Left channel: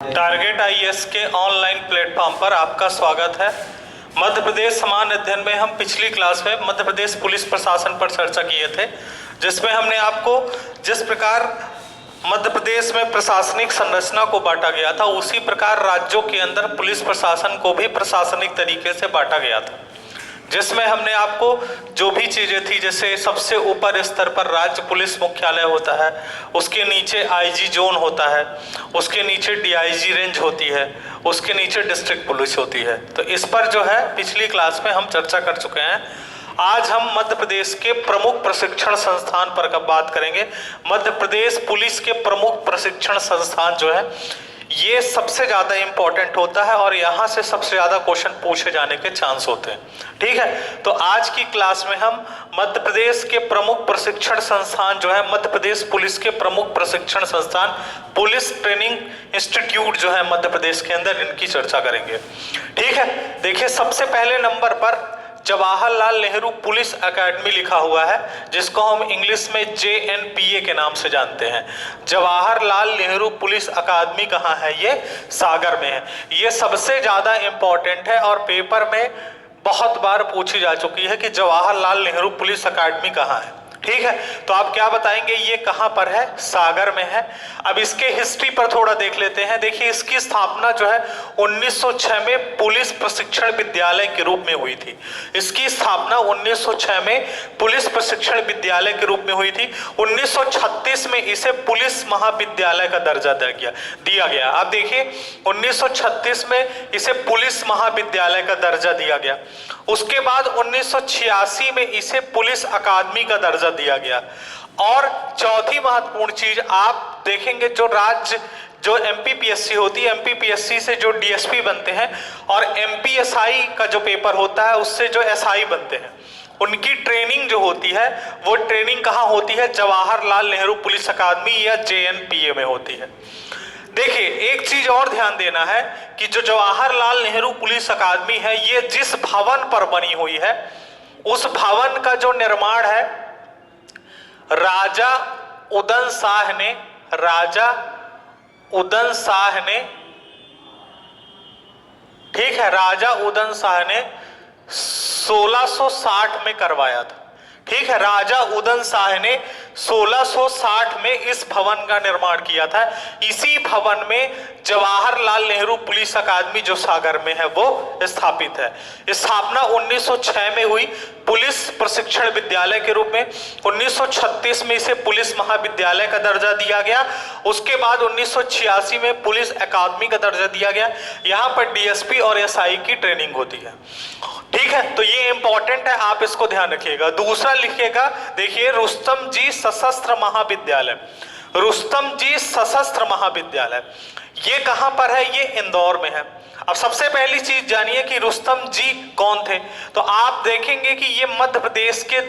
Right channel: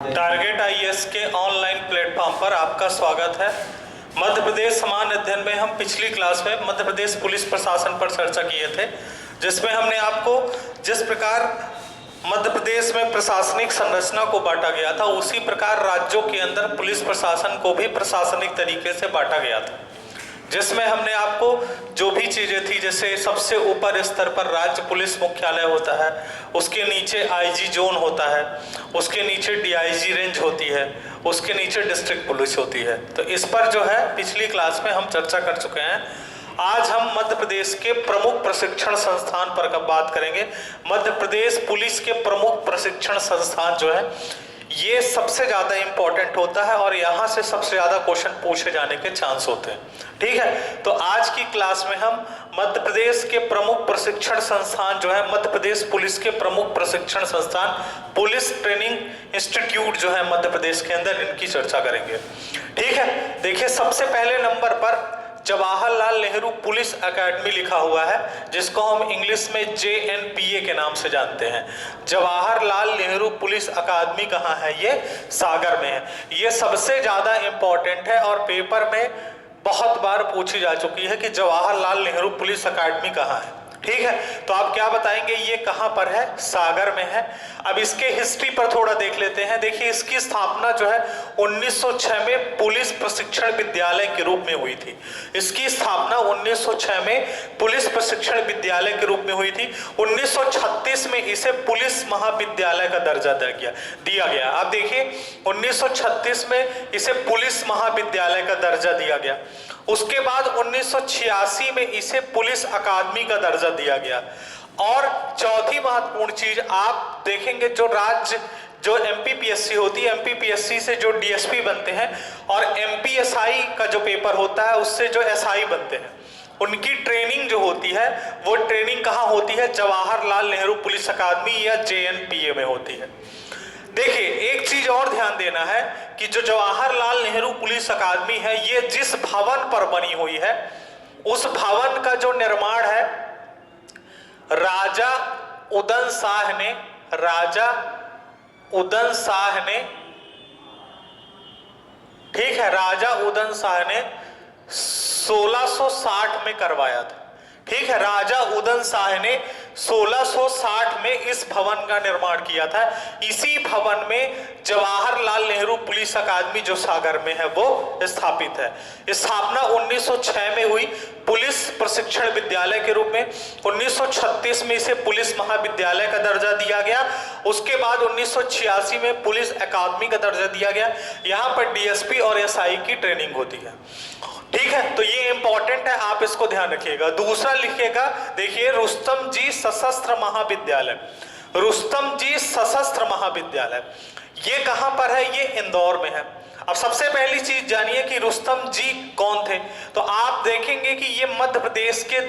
Target IAS के online platform पर आपका स्वागत है। मध्य प्रदेश समान अध्ययन में हम पिछली क्लास में मध्य प्रदेश पुलिस प्रशासन पर चर्चा किए थे, जिसमें हमने आपको जिस प्रकार मध्य प्रदेश में प्रशासनिक संरचना को बांटा गया था, उसी प्रकार राज्यों के अंदर पुलिस प्रशासन को भी प्रशासनिक तरीके से बांटा गया था, जिसमें हमने आपको जो भी चीज़ें थी, जैसे सबसे ऊपर स्तर पर राज्य पुलिस मुख्यालय होता है, उसके नीचे आईजी जोन होता है, उसके नीचे डीआईजी रेंज होती है, उसके नीचे डिस्ट्रिक्ट पुलिस होती है। तो इस पर जो है पिछली क्लास में हम चर्चा कर चुके हैं। आज हम मध्य प्रदेश के प्रमुख प्रशिक्षण संस्थान पर बात करेंगे। मध्य प्रदेश पुलिस के प्रमुख प्रशिक्षण संस्थान जो है ये सबसे ज़्यादा इम्पोर्टेंट होता है और यहाँ से सबसे ज़्यादा क्वेश्चन पूछे जाने के चांस होते हैं। ठीक है, तो आज की क्लास में हम मध्य प्रदेश के प्रमुख प्रशिक्षण संस्थान जो है, मध्य प्रदेश पुलिस के प्रमुख प्रशिक्षण संस्थान, पुलिस ट्रेनिंग इंस्टीट्यूट जो है मध्य प्रदेश के अंदर, इनकी चर्चा करेंगे। ठीक है, देखिए सबसे पहले नंबर पर जवाहरलाल नेहरू पुलिस एकेडमी लिखा हुआ है, जिसको हम इंग्लिश में JNPA के नाम से जानते हैं। जवाहरलाल नेहरू पुलिस अकादमी कहाँ है? ये सागर में है। ये सबसे ज़्यादा इम्पोर्टेंट है और पेपर में बहुत बार पूछी जा चुकी है कि जवाहरलाल नेहरू पुलिस अकादमी कहाँ है। ठीक है, तो आप क्या बताएंगे ये कहाँ पर है? सागर में है। अब इसके हिस्ट्री पर थोड़ा देख लेते हैं। देखिए इसकी स्थापना जो है 1906 में पुलिस प्रशिक्षण विद्यालय के रूप में हुई थी। इसकी स्थापना 1906 में पुलिस प्रशिक्षण विद्यालय के रूप में हुई थी। 1936 में इसे पुलिस महाविद्यालय का दर्जा दिया गया। अब देखिए 1936 में इसे पुलिस महाविद्यालय का दर्जा दिया गया। उसके बाद 1986 में इसे पुलिस अकादमी का दर्जा दिया गया। और चौथी महत्वपूर्ण चीज आप देखेंगे, जो MPPSC होती है, MPPSC से जो DSP बनते हैं और MPSI का जो पेपर होता है उससे जो SI बनते हैं, उनकी ट्रेनिंग जो होती है वो ट्रेनिंग कहाँ होती है? जवाहरलाल नेहरू पुलिस अकादमी या JNPA में होती है। देखिए एक चीज और ध्यान देना है कि जो जवाहरलाल नेहरू पुलिस अकादमी है, ये जिस भवन पर बनी हुई है उस भवन का जो निर्माण है राजा उदय शाह ने ठीक है, राजा उदय शाह ने 1660 में करवाया था। ठीक है, राजा उदय शाह ने 1660 में इस भवन का निर्माण किया था। इसी भवन में जवाहरलाल नेहरू पुलिस अकादमी जो सागर में है वो स्थापित है। स्थापना 1906 में हुई पुलिस प्रशिक्षण विद्यालय के रूप में। 1936 में इसे पुलिस महाविद्यालय का दर्जा दिया गया। उसके बाद 1986 में पुलिस अकादमी का दर्जा दिया गया। यहाँ पर DSP और SI की ट्रेनिंग होती है। ठीक है, तो ये इंपॉर्टेंट है, आप इसको ध्यान रखिएगा। दूसरा लिखिएगा, देखिए रुस्तम जी सशस्त्र महाविद्यालय। रुस्तम जी सशस्त्र महाविद्यालय ये कहां पर है? ये इंदौर में है। अब सबसे पहली चीज जानिए कि रुस्तम जी कौन थे। तो आप देखेंगे कि ये मध्य प्रदेश के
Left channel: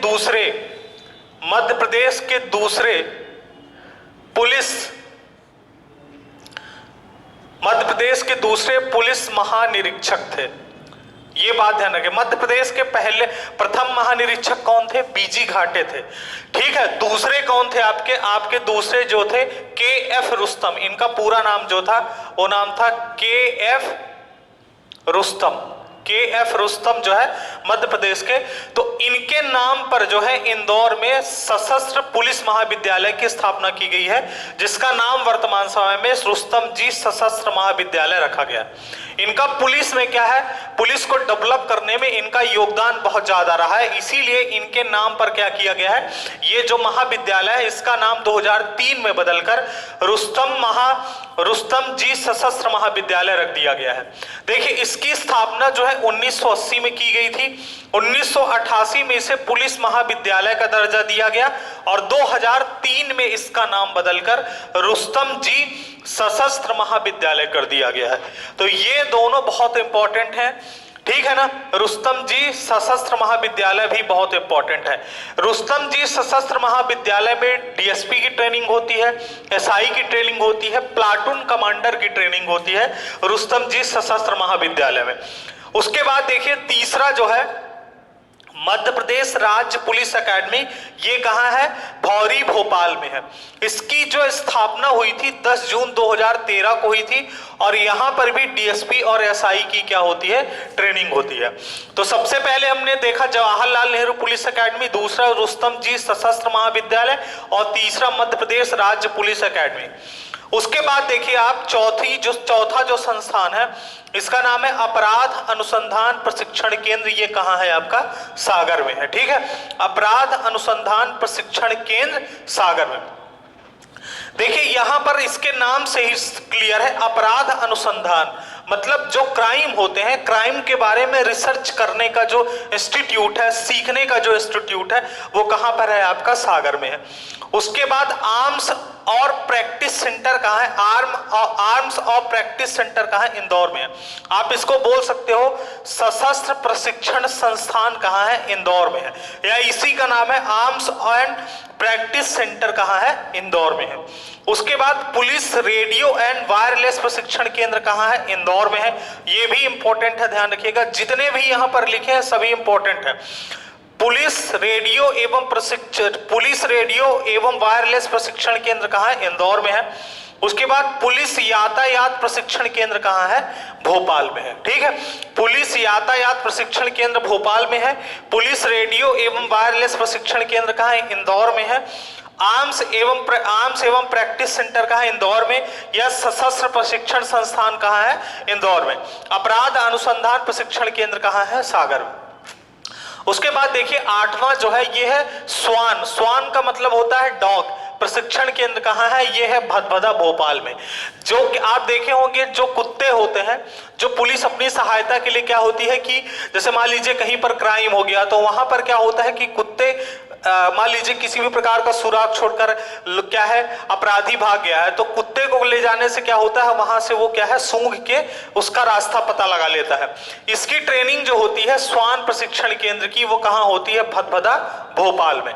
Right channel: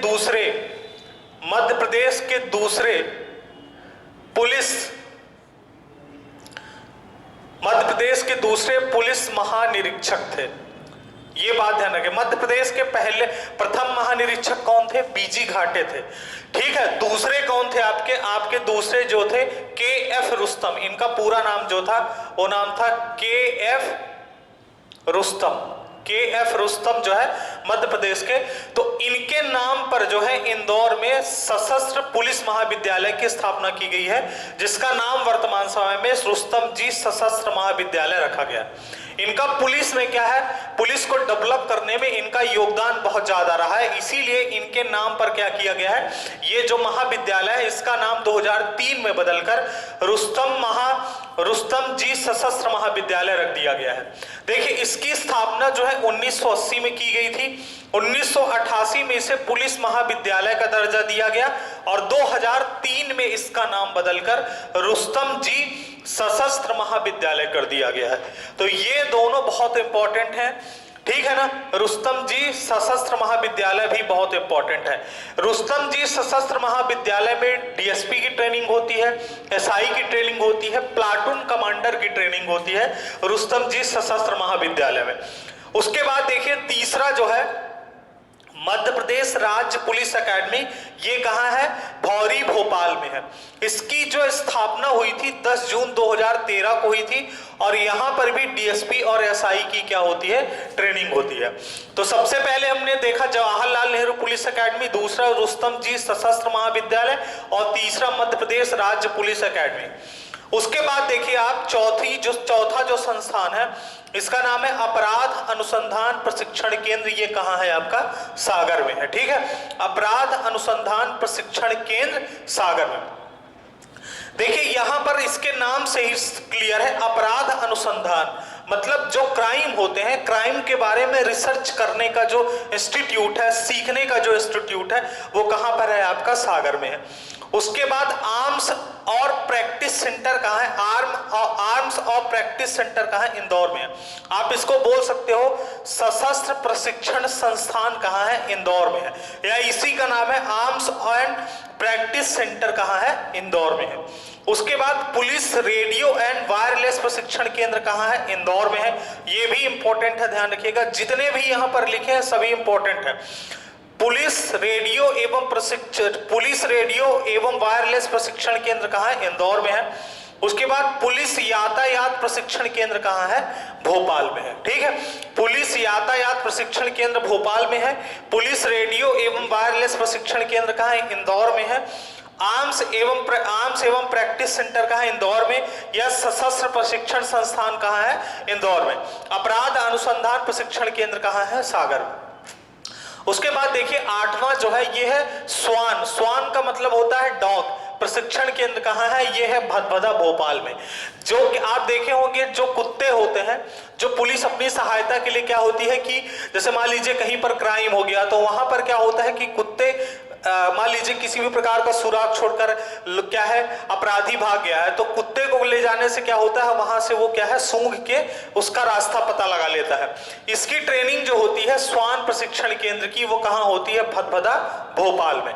दूसरे पुलिस महानिरीक्षक थे। ये बात ध्यान रखें। मध्य प्रदेश के प्रथम महानिरीक्षक कौन थे? BG घाटे थे। ठीक है, दूसरे कौन थे? आपके दूसरे जो थे KF रुस्तम। इनका पूरा नाम जो था वो नाम था KF रुस्तम जो है मध्य प्रदेश के। तो इनके नाम पर जो है इंदौर में सशस्त्र पुलिस महाविद्यालय की स्थापना की गई है, जिसका नाम वर्तमान समय में रुस्तम जी सशस्त्र महाविद्यालय रखा गया। इनका पुलिस में क्या है? पुलिस को डेवलप करने में इनका योगदान बहुत ज्यादा रहा है, इसीलिए इनके नाम पर क्या किया गया है? ये जो महाविद्यालय है इसका नाम 2003 में बदलकर रुस्तम जी सशस्त्र महाविद्यालय रख दिया गया है। देखिए इसकी स्थापना जो है 1980 में की गई थी। 1988 में इसे पुलिस महाविद्यालय का दर्जा दिया गया और 2003 में इसका नाम बदलकर रुस्तम जी सशस्त्र महाविद्यालय कर दिया गया है। तो ये दोनों बहुत इंपॉर्टेंट हैं। ठीक है ना, रुस्तम जी सशस्त्र महाविद्यालय भी बहुत इंपॉर्टेंट है। रुस्तम जी सशस्त्र महाविद्यालय में DSP की ट्रेनिंग होती है, SI की ट्रेनिंग होती है, प्लाटून कमांडर की ट्रेनिंग होती है रुस्तम जी सशस्त्र महाविद्यालय में। उसके बाद देखिए तीसरा जो है मध्य प्रदेश राज्य पुलिस एकेडमी, ये कहाँ है? भौरी भोपाल में है। इसकी जो स्थापना हुई थी 10 जून 2013 को हुई थी और यहाँ पर भी डीएसपी और एसआई की क्या होती है? ट्रेनिंग होती है। तो सबसे पहले हमने देखा जवाहरलाल नेहरू पुलिस एकेडमी, दूसरा रुस्तम जी सशस्त्र महाविद्यालय और तीसरा मध्य प्रदेश राज्य पुलिस एकेडमी। उसके बाद देखिए आप चौथा जो संस्थान है इसका नाम है अपराध अनुसंधान प्रशिक्षण केंद्र। ये कहाँ है? आपका सागर में है। ठीक है, अपराध अनुसंधान प्रशिक्षण केंद्र सागर में। देखिए यहां पर इसके नाम से ही क्लियर है, अपराध अनुसंधान मतलब जो क्राइम होते हैं, क्राइम के बारे में रिसर्च करने का जो इंस्टीट्यूट है, सीखने का जो इंस्टीट्यूट है, वो कहां पर है? आपका सागर में है। उसके बाद आर्म्स और प्रैक्टिस सेंटर कहाँ है? आर्म्स और प्रैक्टिस सेंटर कहाँ है? इंदौर में है। आप इसको बोल सकते हो सशस्त्र प्रशिक्षण संस्थान कहाँ है? इंदौर में है, या इसी का नाम है आर्म्स एंड प्रैक्टिस सेंटर कहाँ है? इंदौर में है। उसके बाद पुलिस रेडियो एंड वायरलेस प्रशिक्षण केंद्र कहाँ है? इंदौर में है। ये भी इंपॉर्टेंट है, ध्यान रखिएगा, जितने भी यहाँ पर लिखे हैं सभी इंपॉर्टेंट है। पुलिस रेडियो एवं वायरलेस प्रशिक्षण केंद्र कहाँ है? इंदौर में है। उसके बाद पुलिस यातायात प्रशिक्षण केंद्र कहाँ है? भोपाल में है। ठीक है, पुलिस यातायात प्रशिक्षण केंद्र भोपाल में है। पुलिस रेडियो एवं वायरलेस प्रशिक्षण केंद्र कहाँ है? इंदौर में है। आर्म्स एवं प्रैक्टिस सेंटर कहाँ है? इंदौर में। या सशस्त्र प्रशिक्षण संस्थान कहाँ है? इंदौर में। अपराध अनुसंधान प्रशिक्षण केंद्र कहाँ है? सागर में। उसके बाद देखिए 8वां जो है ये है स्वान का मतलब होता है डॉग। प्रशिक्षण केंद्र कहाँ है? ये है भदभदा भोपाल में। जो आप देखे होंगे जो कुत्ते होते हैं, जो पुलिस अपनी सहायता के लिए क्या होती है कि जैसे मान लीजिए कहीं पर क्राइम हो गया तो वहां पर क्या होता है कि कुत्ते मान लीजिए किसी भी प्रकार का सुराग छोड़कर क्या है अपराधी भाग गया है, तो कुत्ते को ले जाने से क्या होता है वहां से वो क्या है सूंघ के उसका रास्ता पता लगा लेता है। इसकी ट्रेनिंग जो होती है स्वान प्रशिक्षण केंद्र की, वो कहाँ होती है? भदभदा भोपाल में।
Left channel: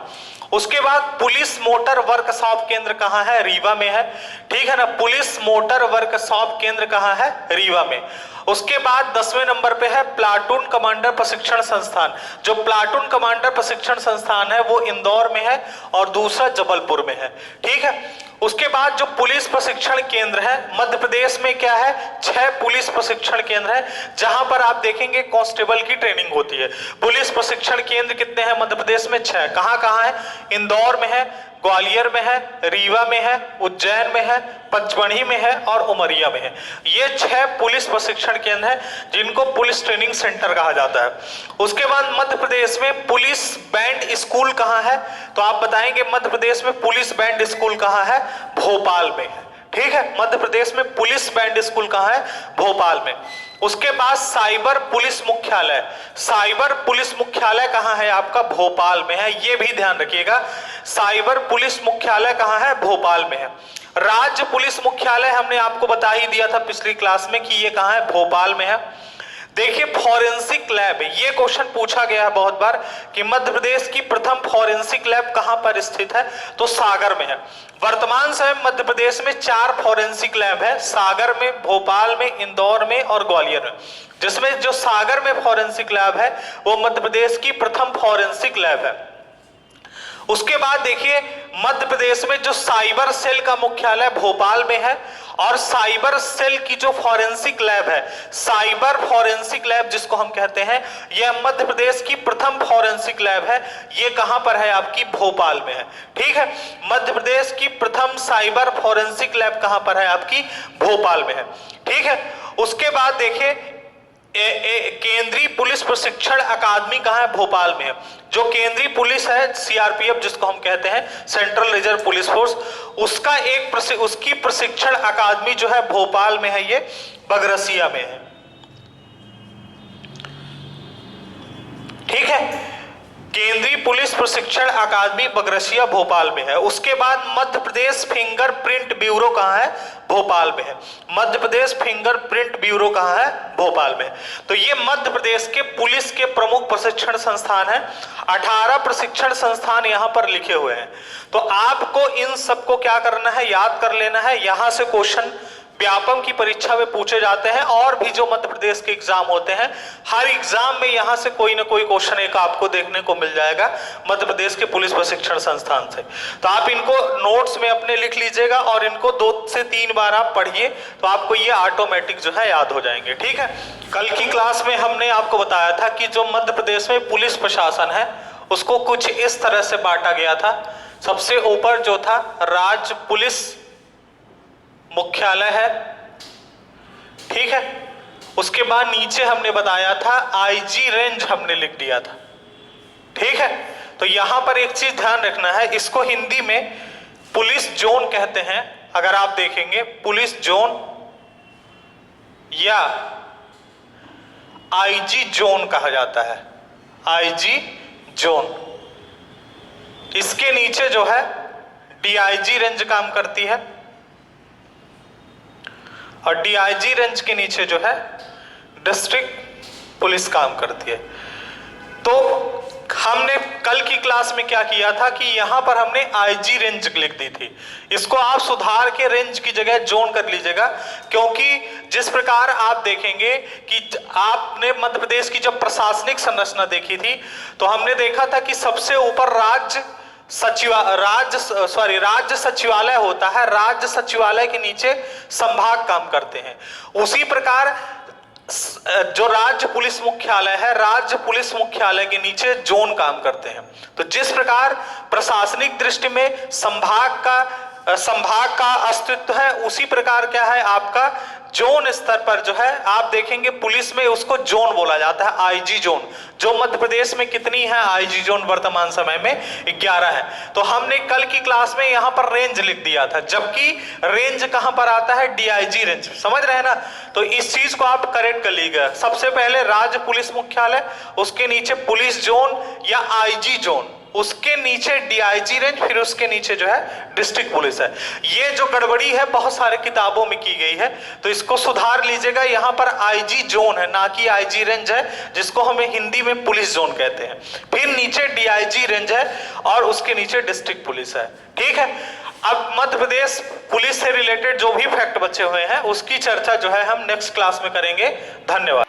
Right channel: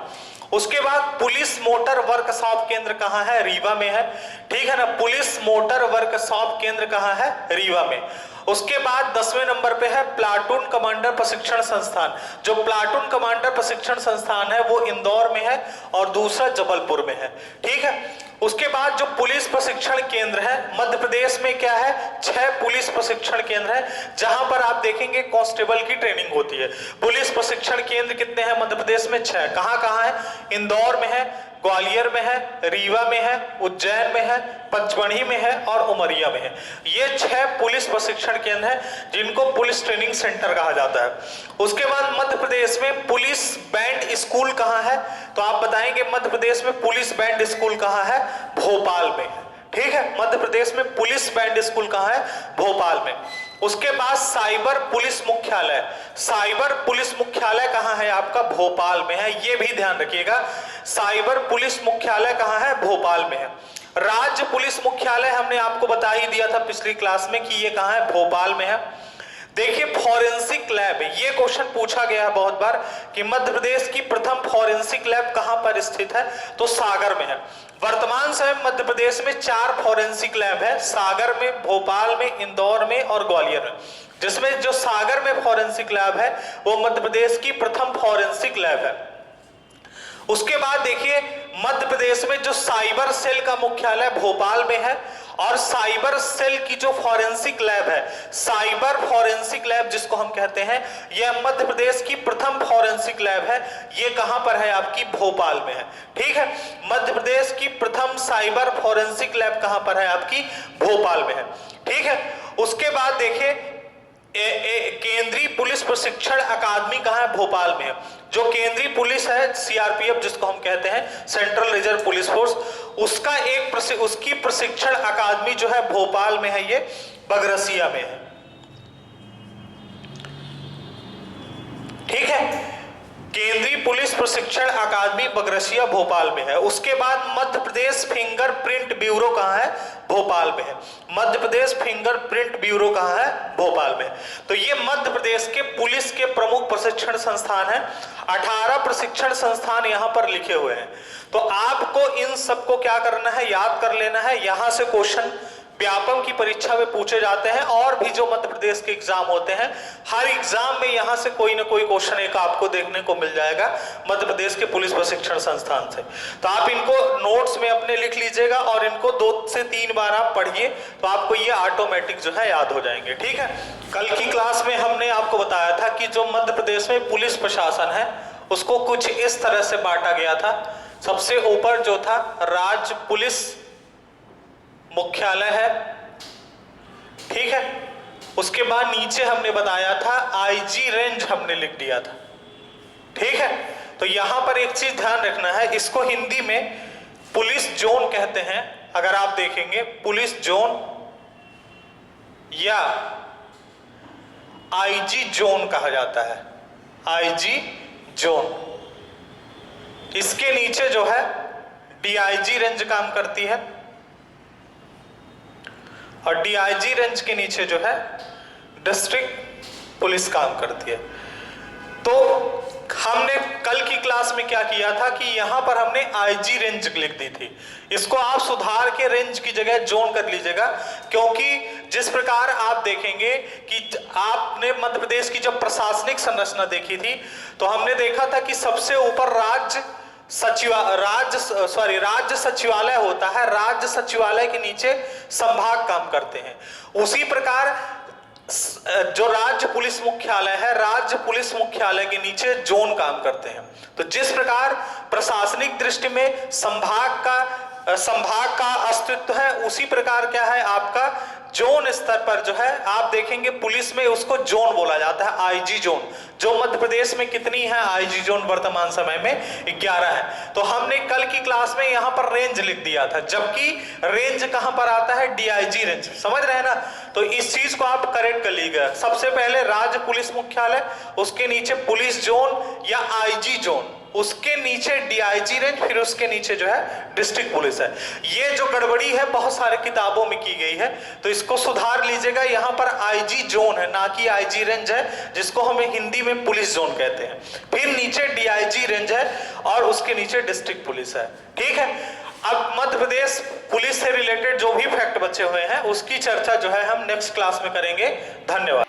उसके बाद पुलिस मोटर वर्कशॉप केंद्र कहाँ है? रीवा में है। ठीक है ना, पुलिस मोटर वर्कशॉप केंद्र कहाँ है? रीवा में। उसके बाद 10वें नंबर पे है प्लाटून कमांडर प्रशिक्षण संस्थान। जो प्लाटून कमांडर प्रशिक्षण संस्थान है वो इंदौर में है और दूसरा जबलपुर में है। ठीक है, उसके बाद जो पुलिस प्रशिक्षण केंद्र है मध्य प्रदेश में क्या है? 6 पुलिस प्रशिक्षण केंद्र है जहां पर आप देखेंगे कांस्टेबल की ट्रेनिंग होती है। पुलिस प्रशिक्षण केंद्र कितने हैं मध्य प्रदेश में? 6। कहां है? इंदौर में है, ग्वालियर में है, रीवा में है, उज्जैन में है, पचमढ़ी में है और उमरिया में है। ये 6 पुलिस प्रशिक्षण केंद्र हैं जिनको पुलिस ट्रेनिंग सेंटर कहा जाता है। उसके बाद मध्य प्रदेश में पुलिस बैंड स्कूल कहाँ है? तो आप बताएंगे मध्य प्रदेश में पुलिस बैंड स्कूल कहाँ है? भोपाल में है। ठीक है, मध्य प्रदेश में पुलिस बैंड स्कूल कहाँ है? भोपाल में। उसके बाद साइबर पुलिस मुख्यालय, साइबर पुलिस मुख्यालय कहाँ है? आपका भोपाल में है। ये भी ध्यान रखिएगा, साइबर पुलिस मुख्यालय कहाँ है? भोपाल में है। राज्य पुलिस मुख्यालय हमने आपको बता ही दिया था पिछली क्लास में कि ये कहाँ है? भोपाल में है। देखिए फॉरेंसिक लैब, ये क्वेश्चन पूछा गया है बहुत बार कि मध्य प्रदेश की प्रथम फॉरेंसिक लैब कहां पर स्थित है? तो सागर में है। वर्तमान समय मध्य प्रदेश में 4 फॉरेंसिक लैब है, सागर में, भोपाल में, इंदौर में और ग्वालियर में। जिसमें जो सागर में फॉरेंसिक लैब है वो मध्य प्रदेश की प्रथम फॉरेंसिक लैब है। उसके बाद देखिए मध्य प्रदेश में जो साइबर सेल का मुख्यालय भोपाल में है और साइबर सेल की जो फॉरेंसिक लैब है, साइबर फॉरेंसिक लैब जिसको हम कहते हैं, यह मध्य प्रदेश की प्रथम फॉरेंसिक लैब है। ये कहां पर है? आपकी भोपाल में है। ठीक है, मध्य प्रदेश की प्रथम साइबर फॉरेंसिक लैब कहां पर है? आपकी भोपाल में है। ठीक है, उसके बाद देखिए केंद्रीय पुलिस प्रशिक्षण अकादमी कहाँ है? भोपाल में है। जो केंद्रीय पुलिस है सीआरपीएफ जिसको हम कहते हैं, सेंट्रल रिजर्व पुलिस फोर्स, उसकी प्रशिक्षण अकादमी जो है भोपाल में है, ये बगरसिया में है। ठीक है, केंद्रीय पुलिस प्रशिक्षण अकादमी बगरसिया भोपाल में है। उसके बाद मध्य प्रदेश फिंगरप्रिंट ब्यूरो कहाँ है? भोपाल में है। मध्य प्रदेश फिंगरप्रिंट ब्यूरो कहाँ है? भोपाल में। तो ये मध्य प्रदेश के पुलिस के प्रमुख प्रशिक्षण संस्थान हैं। 18 प्रशिक्षण संस्थान यहाँ पर लिखे हुए हैं। तो आपको इन सबको क्या करना है? याद कर लेना है। यहां से क्वेश्चन व्यापम की परीक्षा में पूछे जाते हैं, और भी जो मध्य प्रदेश के एग्जाम होते हैं, हर एग्जाम में यहां से कोई ना कोई क्वेश्चन एक आपको देखने को मिल जाएगा मध्य प्रदेश के पुलिस प्रशिक्षण संस्थान से। तो आप इनको नोट्स में अपने लिख लीजिएगा और इनको 2 से 3 बार आप पढ़िए, तो आपको ये ऑटोमेटिक जो है याद हो जाएंगे। ठीक है, कल की क्लास में हमने आपको बताया था कि जो मध्य प्रदेश में पुलिस प्रशासन है उसको कुछ इस तरह से बांटा गया था। सबसे ऊपर जो था राज्य पुलिस मुख्यालय है, ठीक है। उसके बाद नीचे हमने बताया था आईजी रेंज हमने लिख दिया था, ठीक है। तो यहां पर एक चीज ध्यान रखना है, इसको हिंदी में पुलिस जोन कहते हैं। अगर आप देखेंगे पुलिस जोन या आईजी जोन कहा जाता है, आईजी जोन। इसके नीचे जो है डीआईजी रेंज काम करती है, और डीआईजी रेंज के नीचे जो है डिस्ट्रिक्ट पुलिस काम करती है। तो हमने कल की क्लास में क्या किया था कि यहां पर हमने आईजी रेंज लिख दी थी, इसको आप सुधार के रेंज की जगह जोन कर लीजिएगा, क्योंकि जिस प्रकार आप देखेंगे कि आपने मध्य प्रदेश की जब प्रशासनिक संरचना देखी थी तो हमने देखा था कि सबसे ऊपर राज्य सचिवालय होता है, राज्य सचिवालय के नीचे संभाग काम करते हैं। उसी प्रकार जो राज्य पुलिस मुख्यालय है, राज्य पुलिस मुख्यालय के नीचे जोन काम करते हैं। तो जिस प्रकार प्रशासनिक दृष्टि में संभाग का अस्तित्व है, उसी प्रकार क्या है आपका जोन स्तर पर जो है आप देखेंगे पुलिस में उसको जोन बोला जाता है, आईजी जोन। जो मध्य प्रदेश में कितनी है आईजी जोन वर्तमान समय में 11 है। तो हमने कल की क्लास में यहां पर रेंज लिख दिया था, जबकि रेंज कहां पर आता है, डीआईजी रेंज। समझ रहे हैं ना? तो इस चीज को आप करेक्ट कर लीजिएगा। सबसे पहले राज्य पुलिस मुख्यालय, उसके नीचे पुलिस जोन या आईजी जोन, उसके नीचे डीआईजी रेंज, फिर उसके नीचे जो है डिस्ट्रिक्ट पुलिस है। ये जो गड़बड़ी है बहुत सारे किताबों में की गई है, तो इसको सुधार लीजिएगा। यहाँ पर आईजी जोन है ना कि आईजी रेंज है, जिसको हमें हिंदी में पुलिस जोन कहते हैं। फिर नीचे डीआईजी रेंज है और उसके नीचे डिस्ट्रिक्ट पुलिस है, ठीक है। अब मध्य प्रदेश पुलिस से रिलेटेड जो भी फैक्ट बचे हुए हैं उसकी चर्चा जो है हम नेक्स्ट क्लास में करेंगे। धन्यवाद।